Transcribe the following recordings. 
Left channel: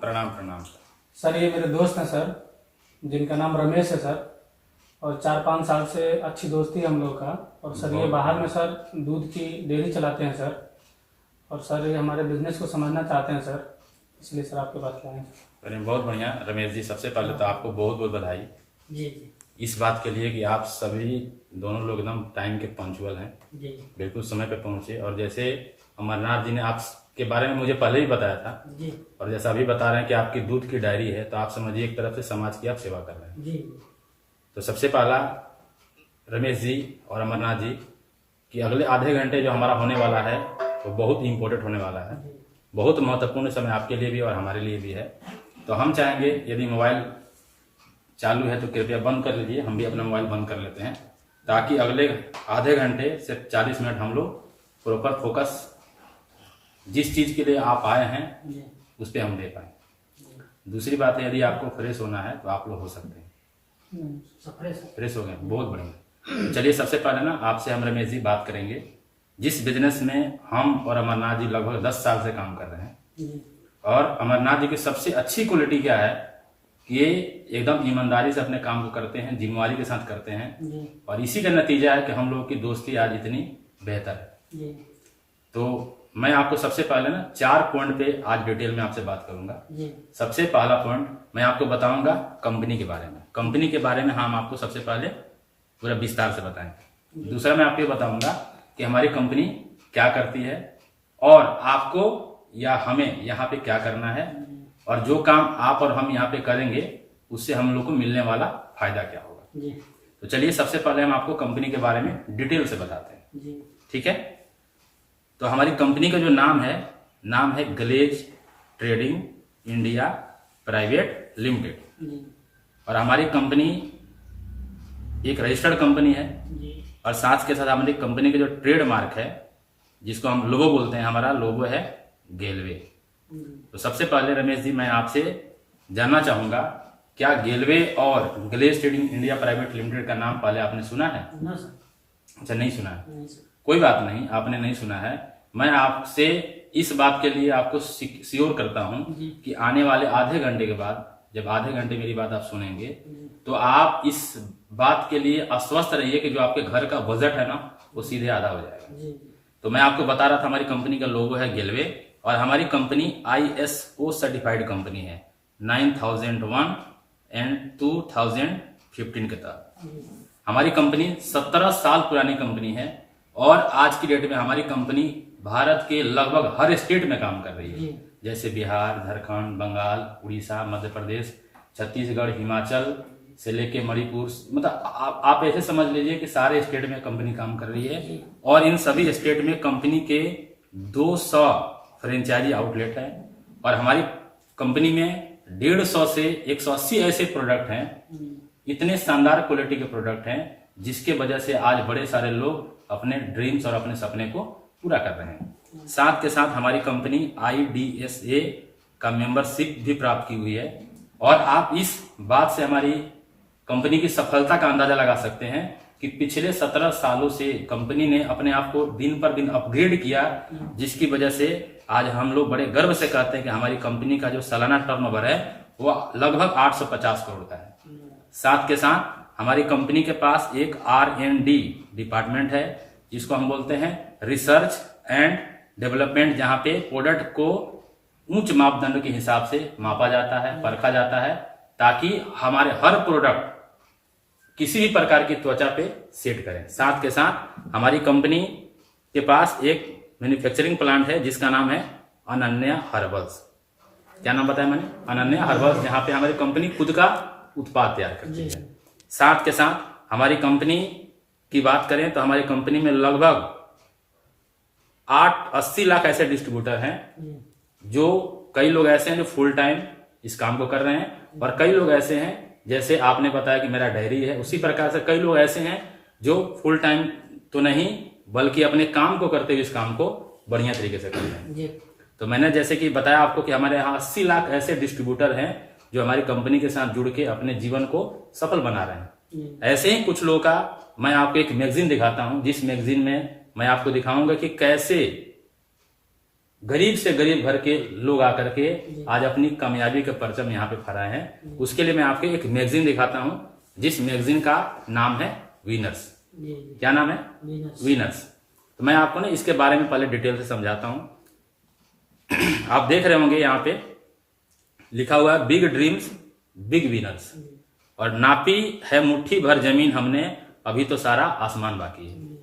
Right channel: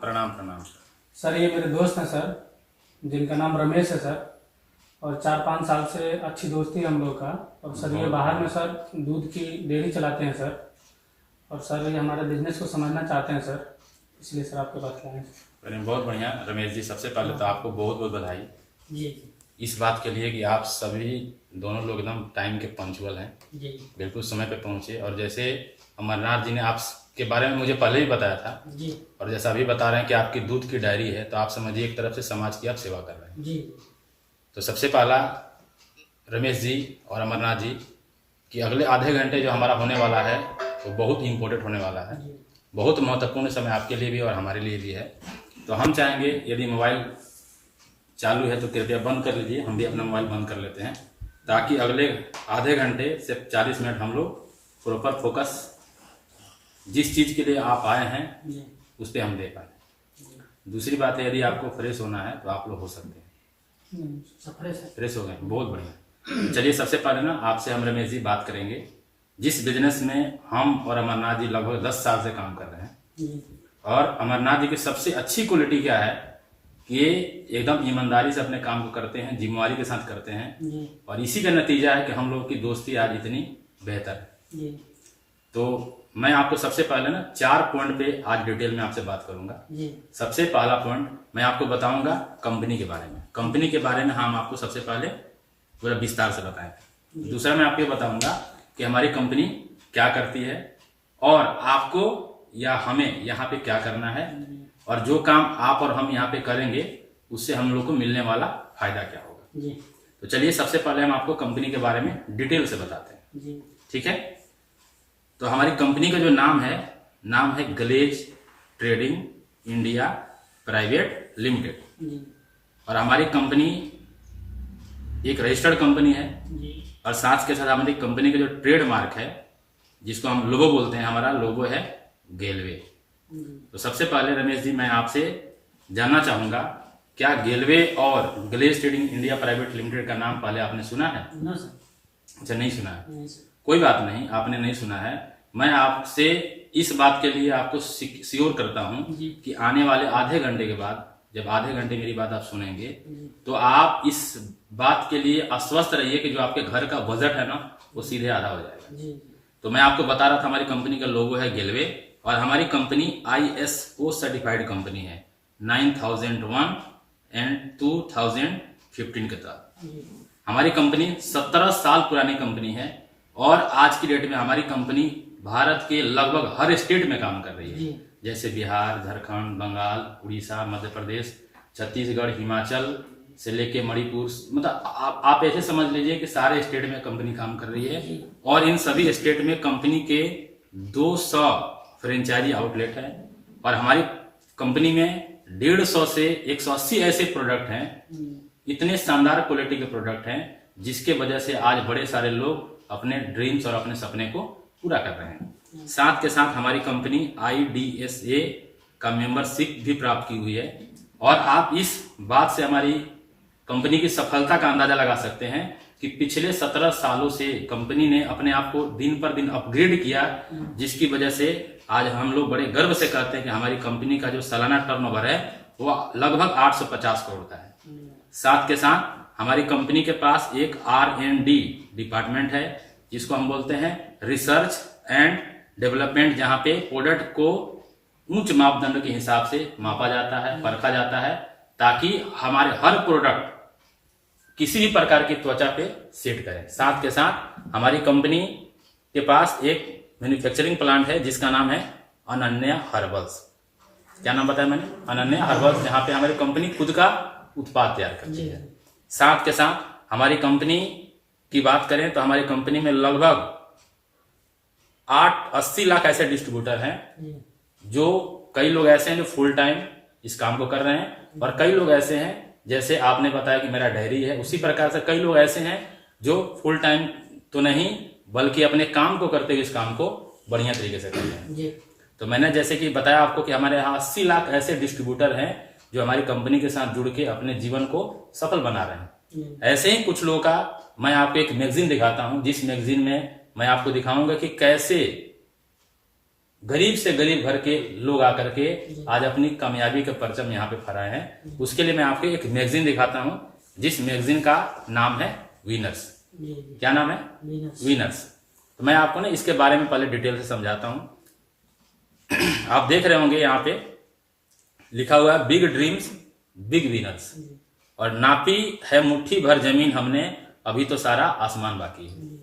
प्रणाम प्रणाम sir. Sir ये मेरे दोस्त हैं सर, जिनका नाम रमेश है सर, और 4-5 साल से अच्छी दोस्ती है हम लोग का। और सर ये बाहर में सर दूध की डेयरी चलाते हैं सर, और सर ये हमारे बिजनेस को समझना चाहते हैं सर, इसलिए सर आपके पास लाए हैं। अरे बहुत बढ़िया रमेश जी, सबसे पहले तो आपको बहुत बहुत बधाई जी इस बात के लिए कि आप सभी दोनों लोग एकदम टाइम के पंचुअल हैं, जी बिल्कुल समय पे पहुंचे। और जैसे अमरनाथ जी ने आप के बारे में मुझे पहले ही बताया था, जी और जैसा अभी बता रहे हैं कि आपकी दूध की डायरी है, तो आप समझिए एक तरफ से समाज की आप सेवा कर रहे हैं। जी तो सबसे पहला रमेश जी और अमरनाथ जी कि अगले आधे घंटे जो हमारा होने वाला है वो बहुत इम्पोर्टेंट होने वाला है, बहुत महत्वपूर्ण समय आपके लिए भी और हमारे लिए भी है। तो हम चाहेंगे यदि मोबाइल चालू है तो कृपया बंद कर लीजिए, हम भी अपना मोबाइल बंद कर लेते हैं, ताकि अगले आधे घंटे से 40 मिनट हम लोग प्रॉपर फोकस जिस चीज़ के लिए आप आए हैं उस पर हम दे पाए। दूसरी बात है, यदि आपको फ्रेश होना है तो आप लोग हो सकते हैं। फ्रेश हो गए, बहुत बढ़िया। चलिए सबसे पहले ना आपसे हम रमेश जी बात करेंगे, जिस बिजनेस में हम और अमरनाथ जी लगभग 10 साल से काम कर रहे हैं, और अमरनाथ जी की सबसे अच्छी क्वालिटी क्या है कि ये एकदम ईमानदारी से अपने काम को करते हैं, जिम्मेवारी के साथ करते हैं, और इसी का नतीजा है कि हम लोग की दोस्ती आज इतनी बेहतर है। तो मैं आपको सबसे पहले ना 4 पॉइंट पे आज डिटेल में आपसे बात करूंगा। सबसे पहला पॉइंट मैं आपको बताऊंगा कंपनी के बारे में। कंपनी के बारे में हम आपको सबसे पहले पूरा विस्तार से बताएंगे। दूसरा मैं आपको बताऊंगा कि हमारी कंपनी क्या करती है, और आपको या हमें यहाँ पे क्या करना है, और जो काम आप और हम यहाँ पे करेंगे उससे हम लोग को मिलने वाला फायदा क्या होगा। तो चलिए सबसे पहले हम आपको कंपनी के बारे में डिटेल से बताते हैं, ठीक है। तो हमारी कंपनी का जो नाम है glaze trading India private limited, और हमारी कंपनी एक रजिस्टर्ड कंपनी है, और साथ के साथ हमारी कंपनी का जो ट्रेडमार्क है जिसको हम लोगो बोलते हैं, हमारा लोगो है गेलवे। तो सबसे पहले रमेश जी मैं आपसे जानना चाहूंगा, क्या गेलवे और glaze trading India private limited का नाम पहले आपने सुना है? अच्छा, नहीं सुना है, कोई बात नहीं, आपने नहीं सुना है। मैं आपसे इस बात के लिए आपको श्योर करता हूं कि आने वाले आधे घंटे के बाद, जब आधे घंटे मेरी बात आप सुनेंगे, तो आप इस बात के लिए आश्वस्त रहिए कि जो आपके घर का बजट है ना वो सीधे आधा हो जाएगा। तो मैं आपको बता रहा था हमारी कंपनी का लोगो है गेलवे, और हमारी कंपनी ISO सर्टिफाइड कंपनी है 9001 एंड 2015 के तहत। हमारी कंपनी 17 साल पुरानी कंपनी है, और आज की डेट में हमारी कंपनी भारत के लगभग हर स्टेट में काम कर रही है, जैसे बिहार, झारखंड, बंगाल, उड़ीसा, मध्य प्रदेश, छत्तीसगढ़, हिमाचल से लेके मणिपुर, मतलब आप ऐसे समझ लीजिए कि सारे स्टेट में कंपनी काम कर रही है। और इन सभी स्टेट में कंपनी के 200 फ्रेंचाइजी आउटलेट हैं, और हमारी कंपनी में 150 से 180 ऐसे प्रोडक्ट हैं, इतने शानदार क्वालिटी के प्रोडक्ट हैं जिसके वजह से आज बड़े सारे लोग अपने ड्रीम्स और अपने सपने को पूरा कर रहे हैं। साथ के साथ हमारी कंपनी IDSA का मेंबरशिप भी प्राप्त की हुई है, और आप इस बात से हमारी कंपनी की सफलता का अंदाजा लगा सकते हैं कि पिछले 17 सालों से कंपनी ने अपने आप को दिन पर दिन अपग्रेड किया, जिसकी वजह से आज हम लोग बड़े गर्व से कहते हैं कि हमारी कंपनी का जो सालाना टर्नओवर है वो लगभग 850 करोड़ का है। साथ के साथ हमारी कंपनी के पास एक R&D डिपार्टमेंट है, जिसको हम बोलते हैं रिसर्च एंड डेवलपमेंट, जहां पे प्रोडक्ट को उच्च मापदंड के हिसाब से मापा जाता है, परखा जाता है, ताकि हमारे हर प्रोडक्ट किसी भी प्रकार की त्वचा पे सेट करें। साथ के साथ हमारी कंपनी के पास एक मैन्युफैक्चरिंग प्लांट है जिसका नाम है अनन्या हर्बल्स। क्या नाम बताया मैंने? अनन्या हर्बल्स, जहां पे हमारी कंपनी खुद का उत्पाद तैयार करती है। साथ के साथ हमारी कंपनी की बात करें तो हमारी कंपनी में लगभग 80 लाख ऐसे डिस्ट्रीब्यूटर हैं, जो कई लोग ऐसे हैं जो फुल टाइम इस काम को कर रहे हैं, और कई लोग ऐसे हैं जैसे आपने बताया कि मेरा डायरी है, उसी प्रकार से कई लोग ऐसे हैं जो फुल टाइम तो नहीं बल्कि अपने काम को करते हुए इस काम को बढ़िया तरीके से कर रहे हैं। तो मैंने जैसे कि बताया आपको कि हमारे यहाँ 80 लाख ऐसे डिस्ट्रीब्यूटर हैं जो हमारी कंपनी के साथ जुड़ के अपने जीवन को सफल बना रहे हैं। ऐसे ही कुछ लोगों का मैं आपको एक मैगजीन दिखाता हूं, जिस मैगजीन में मैं आपको दिखाऊंगा कि कैसे गरीब से गरीब घर के लोग आकर के आज अपनी कामयाबी के परचम यहाँ पे फहराए हैं। उसके लिए मैं आपको एक मैगजीन दिखाता हूँ, जिस मैगजीन का नाम है विनर्स। क्या नाम है? विनर्स। तो मैं आपको ना इसके बारे में पहले डिटेल से समझाता हूँ। आप देख रहे होंगे यहाँ पे लिखा हुआ है बिग ड्रीम्स बिग विनर्स, और नापी है मुट्ठी भर जमीन हमने, अभी तो सारा आसमान बाकी है।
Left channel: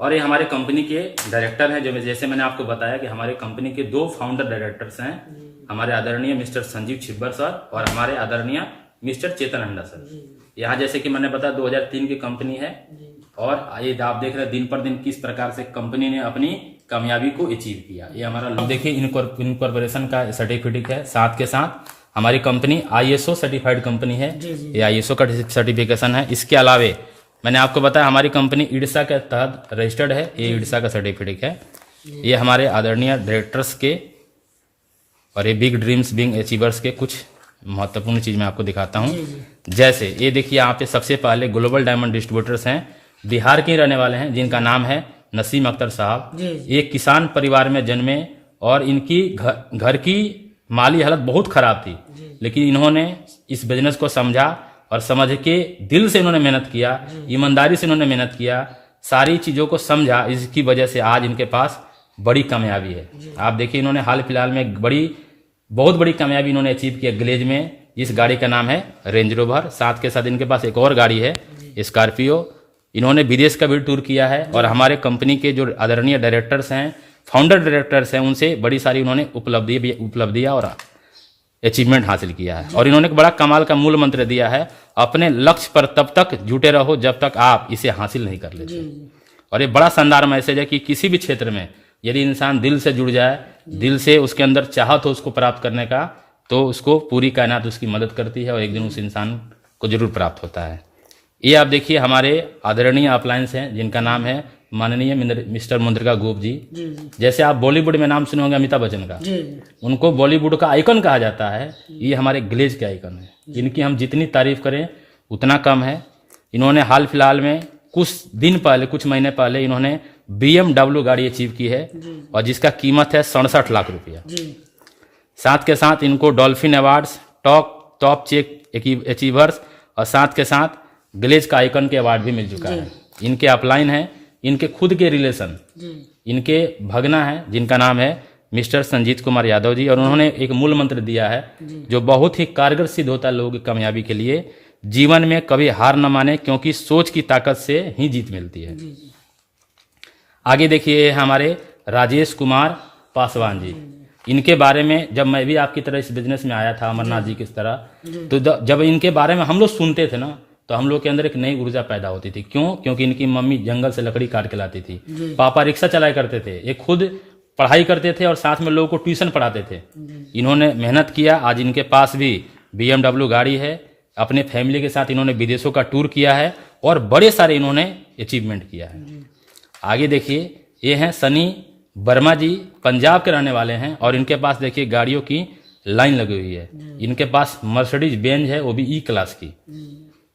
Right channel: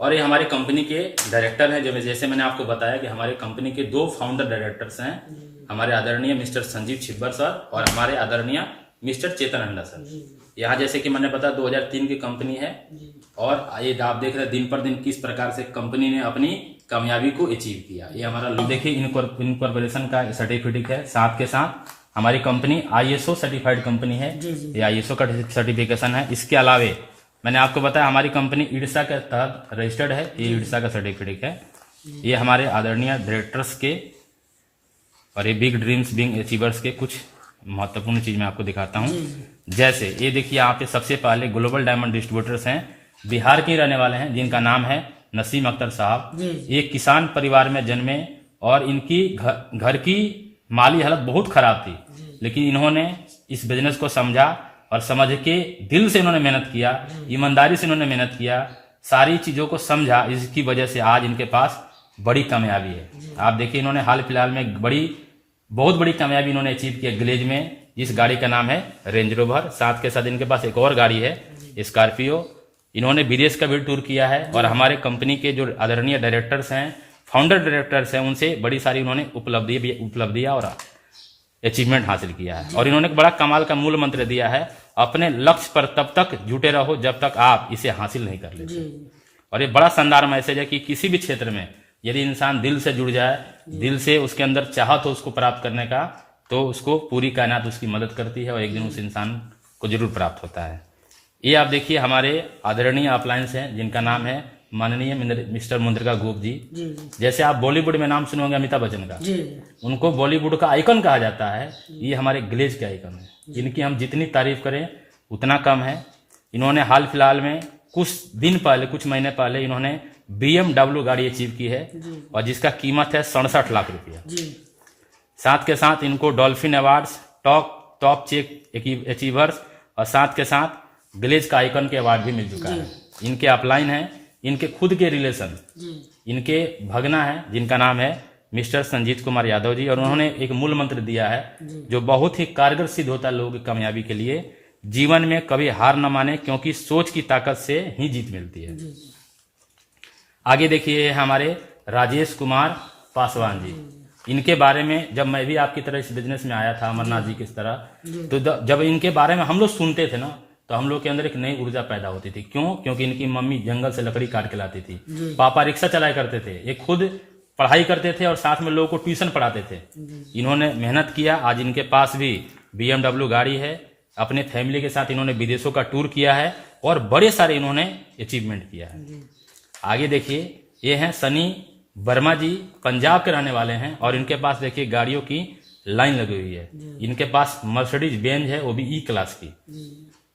और ये हमारे कंपनी के डायरेक्टर हैं, जैसे मैंने आपको बताया कि हमारे कंपनी के 2 फाउंडर डायरेक्टर्स हैं, हमारे आदरणीय मिस्टर संजीव छिब्बर सर और हमारे आदरणीय मिस्टर चेतन अंडा सर। यहाँ जैसे कि मैंने बताया 2003 की कंपनी है, और ये आप देख रहे हैं दिन पर दिन किस प्रकार से कंपनी ने अपनी कामयाबी को अचीव किया। ये हमारा देखिए इनकॉर्पोरेशन का सर्टिफिकेट है, साथ के साथ हमारी कंपनी ISO सर्टिफाइड कंपनी है, ये ISO का सर्टिफिकेशन है। इसके अलावे मैंने आपको बताया हमारी कंपनी IDSA के तहत रजिस्टर्ड है, ये IDSA का सर्टिफिकेट है। ये हमारे आदरणीय डायरेक्टर्स के और ये बिग ड्रीम्स बिग अचीवर्स के कुछ महत्वपूर्ण चीज मैं आपको दिखाता हूँ। जैसे ये देखिए यहाँ पे सबसे पहले ग्लोबल डायमंड डिस्ट्रीब्यूटर्स हैं, बिहार के रहने वाले हैं, जिनका नाम है नसीम अख्तर साहब। एक किसान परिवार में जन्मे और इनकी घर की माली हालत बहुत खराब थी, लेकिन इन्होंने इस बिजनेस को समझा और समझ के दिल से इन्होंने मेहनत किया, ईमानदारी से इन्होंने मेहनत किया, सारी चीजों को समझा। इसकी वजह से आज इनके पास बड़ी कामयाबी है। आप देखिए इन्होंने हाल फिलहाल में बहुत बड़ी कामयाबी इन्होंने अचीव किया ग्लेज में। इस गाड़ी का नाम है रेंज रोवर, साथ के साथ इनके पास एक और गाड़ी है स्कॉर्पियो। इन्होंने विदेश का भी टूर किया है, और हमारे कंपनी के जो आदरणीय डायरेक्टर्स हैं, फाउंडर डायरेक्टर्स हैं, उनसे बड़ी सारी उन्होंने उपलब्धियां और अचीवमेंट हासिल किया है। और इन्होंने एक बड़ा कमाल का मूल मंत्र दिया है, अपने लक्ष्य पर तब तक जुटे रहो जब तक आप इसे हासिल नहीं कर लेते। और ये बड़ा शानदार मैसेज है कि किसी भी क्षेत्र में यदि इंसान दिल से जुड़ जाए, दिल से उसके अंदर चाहत हो उसको प्राप्त करने का, तो उसको पूरी कायनात उसकी मदद करती है और एक दिन उस इंसान को जरूर प्राप्त होता है। ये आप देखिए हमारे आदरणीय अप्लायंस हैं, जिनका नाम है माननीय मिस्टर मुंद्रिका गोप जी। जैसे आप बॉलीवुड में नाम सुने होंगे अमिताभ बच्चन का, उनको बॉलीवुड का आइकन कहा जाता है। ये हमारे ग्लेज के आइकन है, इनकी हम जितनी तारीफ करें उतना कम है। इन्होंने हाल फिलहाल में कुछ महीने पहले इन्होंने BMW गाड़ी अचीव की है, और जिसका कीमत है 67 लाख रुपया। साथ के साथ इनको dolphin awards, top check achievers, और साथ के साथ ग्लेज का आइकन के अवार्ड भी मिल चुका है। इनके अपलाइन है, इनके खुद के रिलेशन, इनके भगना है, जिनका नाम है मिस्टर संजीत कुमार यादव जी। और उन्होंने एक मूल मंत्र दिया है जो बहुत ही कारगर सिद्ध होता है लोगों की कामयाबी के लिए, जीवन में कभी हार न माने, क्योंकि सोच की ताकत से ही जीत मिलती है। आगे देखिए हमारे राजेश कुमार पासवान जी। इनके बारे में जब मैं भी आपकी तरह इस बिजनेस में आया था अमरनाथ जी किस तरह, तो जब इनके बारे में हम लोग सुनते थे ना, तो हम लोग के अंदर एक नई ऊर्जा पैदा होती थी। क्यों? क्योंकि इनकी मम्मी जंगल से लकड़ी काट के लाती थी, पापा रिक्शा चलाया करते थे, ये खुद पढ़ाई करते थे और साथ में लोगों को ट्यूशन पढ़ाते थे। इन्होंने मेहनत किया, आज इनके पास भी BMW गाड़ी है। अपने फैमिली के साथ इन्होंने विदेशों का टूर किया है और बड़े सारे इन्होंने अचीवमेंट किया है। आगे देखिए ये हैं सनी वर्मा जी, पंजाब के रहने वाले हैं, और इनके पास देखिए गाड़ियों की लाइन लगी हुई है। इनके पास मर्सिडीज बेंज है, वो भी E क्लास की,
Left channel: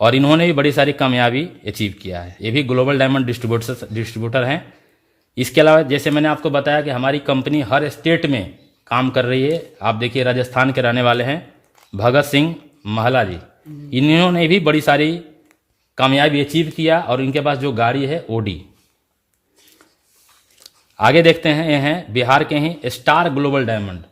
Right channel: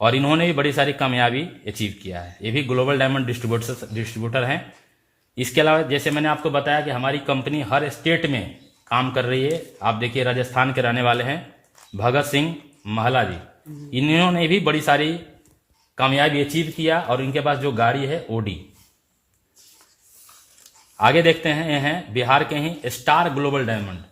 और इन्होंने भी बड़ी सारी कामयाबी अचीव किया है। ये भी ग्लोबल डायमंड डिस्ट्रीब्यूटर हैं। इसके अलावा जैसे मैंने आपको बताया कि हमारी कंपनी हर स्टेट में काम कर रही है। आप देखिए राजस्थान के रहने वाले हैं भगत सिंह महला जी, इन्होंने भी बड़ी सारी कामयाबी अचीव किया, और इनके पास जो गाड़ी है OD। आगे देखते हैं, ये हैं बिहार के ही स्टार ग्लोबल डायमंड।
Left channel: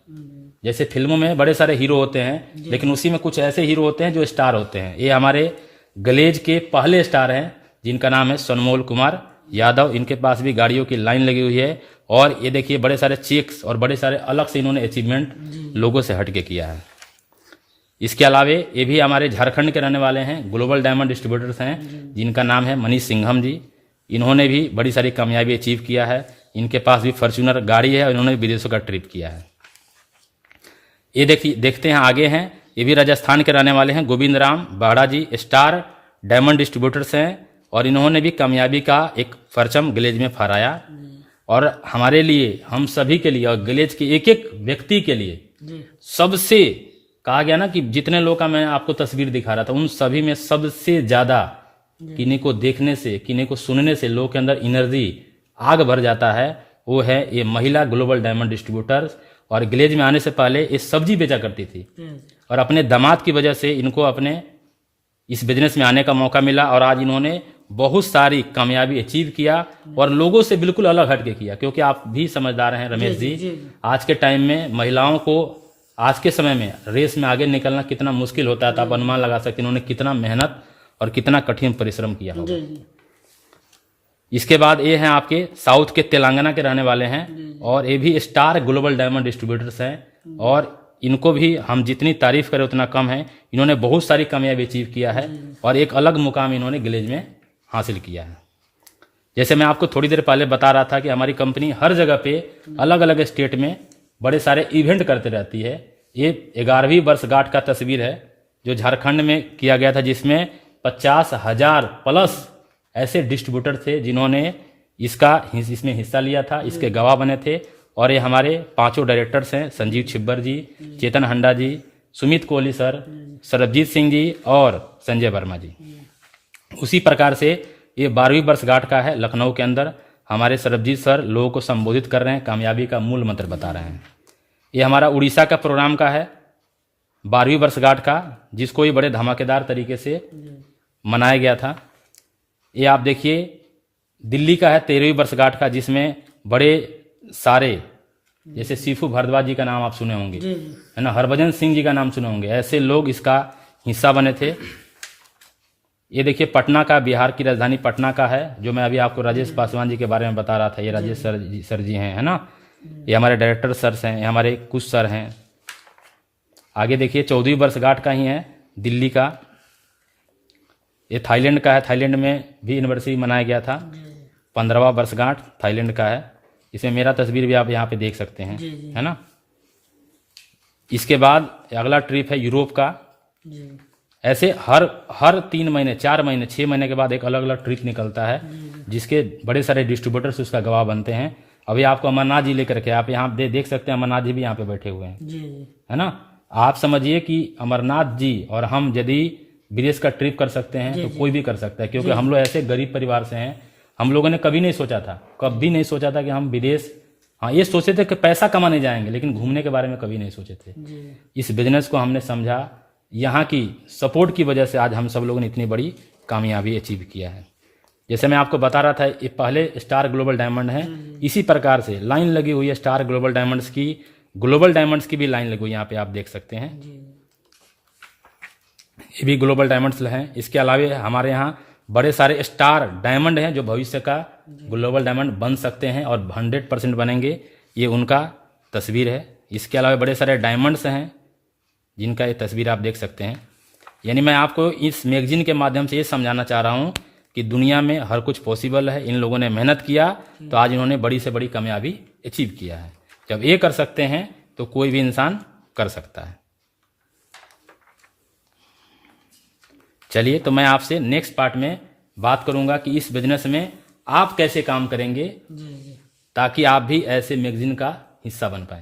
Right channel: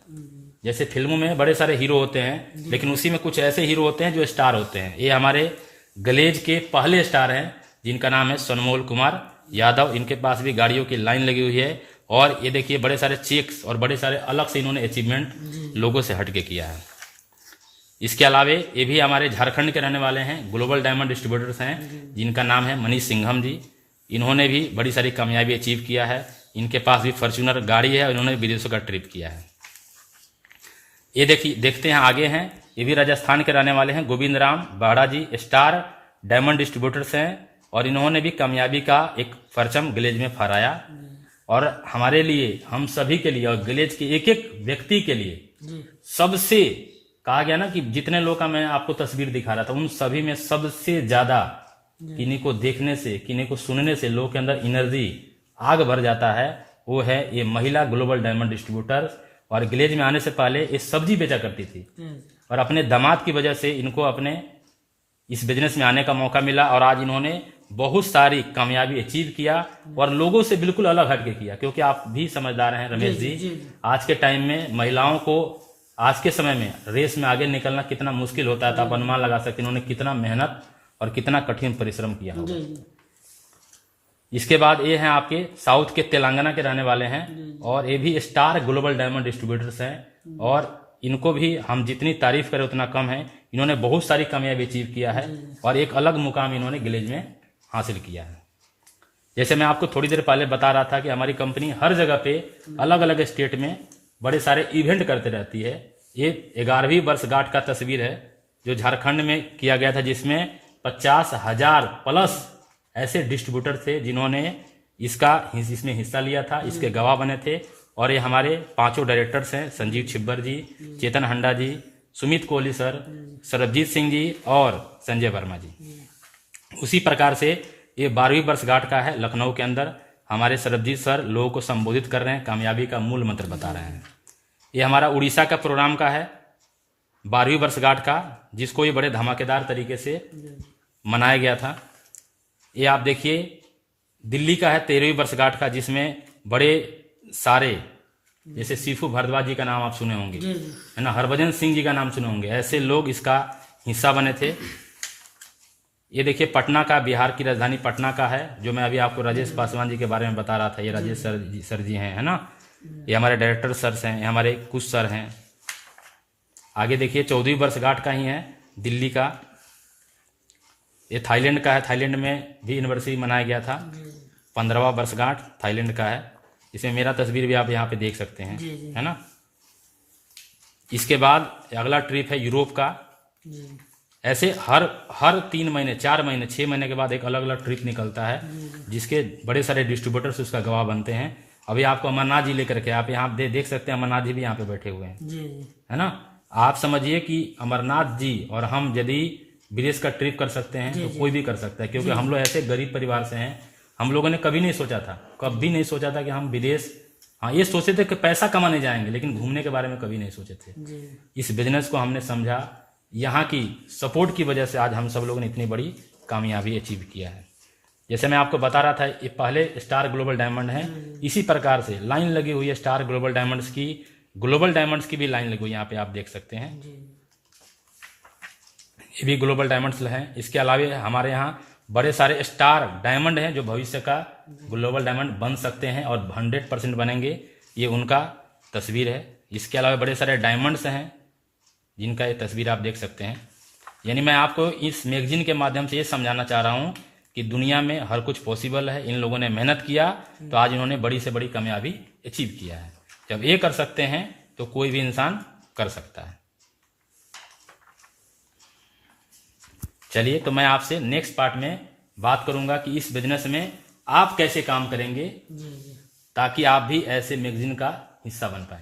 जैसे फिल्मों में बड़े सारे हीरो होते हैं, लेकिन उसी में कुछ ऐसे हीरो होते हैं जो स्टार होते हैं। ये हमारे ग्लेज के पहले स्टार हैं, जिनका नाम है सनमोल कुमार यादव। इनके पास भी गाड़ियों की लाइन लगी हुई है, और ये देखिए बड़े सारे चेक्स और बड़े सारे अलग से इन्होंने अचीवमेंट लोगों से हटके किया है। इसके अलावा ये भी हमारे झारखंड के रहने वाले हैं, ग्लोबल डायमंड डिस्ट्रीब्यूटर्स हैं, जिनका नाम है मनीष सिंघम जी। इन्होंने भी बड़ी सारी कामयाबी अचीव किया है। इनके पास भी फॉर्च्यूनर गाड़ी है, और इन्होंने विदेशों का ट्रिप किया है। ये देखते हैं आगे हैं, ये भी राजस्थान के रहने वाले हैं, गोविंद राम बाड़ा जी, स्टार डायमंड डिस्ट्रीब्यूटर्स हैं, और इन्होंने भी कामयाबी का एक परचम ग्लेज में फहराया। और हमारे लिए, हम सभी के लिए, और ग्लेज के एक एक व्यक्ति के लिए सबसे कहा गया ना कि जितने लोग का मैं आपको तस्वीर दिखा रहा था, उन सभी में सबसे ज्यादा किन्हीं को देखने से, किन्हीं को सुनने से लोगों के अंदर एनर्जी आग भर जाता है, वो है ये महिला ग्लोबल डायमंड डिस्ट्रीब्यूटर्स। और ग्लेज में आने से पहले ये सब्जी बेचा करती थी और अपने दामाद की वजह से इनको अपने इस बिजनेस में आने का मौका मिला और आज इन्होंने बहुत सारी कामयाबी अचीव किया और लोगों से बिल्कुल अलग हटके किया। क्योंकि आप भी समझदार हैं रमेश जी, आज के टाइम में महिलाओं को आज के समय में रेस में आगे निकलना कितना मुश्किल होता है, तो आप अनुमान लगा सकते हैं इन्होंने कितना मेहनत और कितना कठिन परिश्रम किया होगा। इसके बाद ये हैं आपके साउथ के तेलंगाना के रहने वाले हैं और ये भी स्टार ग्लोबल डायमंड डिस्ट्रीब्यूटर्स हैं और इनको भी हम जितनी तारीफ करें उतना कम है। इन्होंने बहुत सारी कामयाबी अचीव किया है और एक अलग मुकाम इन्होंने ग्लेज में हासिल किया है। जैसे मैं आपको थोड़ी देर पहले बता रहा था कि हमारी कंपनी हर जगह पे अलग अलग स्टेट में बड़े सारे इवेंट करते रहती है। ये 11वीं वर्षगांठ का तस्वीर है जो झारखंड में किया गया था, जिसमें 50,000 प्लस ऐसे डिस्ट्रीब्यूटर थे जिन्होंने इसमें हिस्सा लिया था, इसके गवाह बने थे। और ये हमारे 5 डायरेक्टर्स हैं, संजीव छिब्बर जी, चेतन हंडा जी, सुमित कोहली सर, सरबजीत सिंह जी और संजय वर्मा जी। उसी प्रकार से ये 12वीं वर्षगांठ का है लखनऊ के अंदर। हमारे सरबजीत सर लोगों को संबोधित कर रहे हैं, कामयाबी का मूल मंत्र बता रहे हैं। ये हमारा उड़ीसा का प्रोग्राम का है 12वीं वर्षगांठ का, जिसको ये बड़े धमाकेदार तरीके से मनाया गया था। ये आप देखिए दिल्ली का है 13वीं वर्षगांठ का, जिसमें बड़े सारे जैसे सीफू भारद्वाज जी का नाम आप सुने होंगे, है ना, हरभजन सिंह जी का नाम सुने होंगे, ऐसे लोग इसका हिस्सा बने थे। ये देखिए पटना का, बिहार की राजधानी पटना का है, जो मैं अभी आपको राजेश पासवान जी के बारे में बता रहा था। ये राजेश सर जी हैं, है ना, ये हमारे डायरेक्टर सर हैं, ये हमारे कुछ सर हैं। आगे देखिए 14वीं वर्षगांठ का ही है दिल्ली का। ये थाईलैंड का है, थाईलैंड में भी एनिवर्सरी मनाया गया था। 15वां वर्षगांठ थाईलैंड का है। इसमें मेरा तस्वीर भी आप यहाँ पे देख सकते हैं, है ना। इसके बाद अगला ट्रिप है यूरोप का। ऐसे हर 3 महीने, 4 महीने, 6 महीने के बाद एक अलग अलग ट्रिप निकलता है, जिसके बड़े सारे डिस्ट्रीब्यूटर्स उसका गवाह बनते हैं। अभी आपको अमरनाथ जी लेकर के आप यहाँ देख सकते हैं, अमरनाथ जी भी यहाँ पे बैठे हुए हैं, है ना। आप समझिए कि अमरनाथ जी और हम यदि विदेश का ट्रिप कर सकते हैं तो कोई भी कर सकता है, क्योंकि हम लोग ऐसे गरीब परिवार से हैं। हम लोगों ने कभी नहीं सोचा था कि हम विदेश, हाँ ये सोचे थे कि पैसा कमाने जाएंगे, लेकिन घूमने के बारे में कभी नहीं सोचे थे। इस बिजनेस को हमने समझा, यहाँ की सपोर्ट की वजह से आज हम सब लोगों ने इतनी बड़ी कामयाबी अचीव किया है। जैसे मैं आपको बता रहा था, ये पहले स्टार ग्लोबल डायमंड है, इसी प्रकार से लाइन लगी हुई है स्टार ग्लोबल डायमंड्स की, ग्लोबल डायमंड्स की भी लाइन लगी हुई है, यहाँ पे आप देख सकते हैं। ये भी ग्लोबल डायमंड्स हैं। इसके अलावा हमारे यहाँ बड़े सारे स्टार डायमंड हैं जो भविष्य का ग्लोबल डायमंड बन सकते हैं और 100% बनेंगे, ये उनका तस्वीर है। इसके अलावा बड़े सारे डायमंड्स हैं जिनका ये तस्वीर आप देख सकते हैं। यानी मैं आपको इस मैगजीन के माध्यम से ये समझाना चाह रहा हूँ कि दुनिया में हर कुछ पॉसिबल है। इन लोगों ने मेहनत किया तो आज इन्होंने बड़ी से बड़ी कामयाबी अचीव किया है। जब ये कर सकते हैं तो कोई भी इंसान कर सकता है। चलिए, तो मैं आपसे नेक्स्ट पार्ट में बात करूंगा कि इस बिजनेस में आप कैसे काम करेंगे ताकि आप भी ऐसे मैगजीन का हिस्सा बन पाए।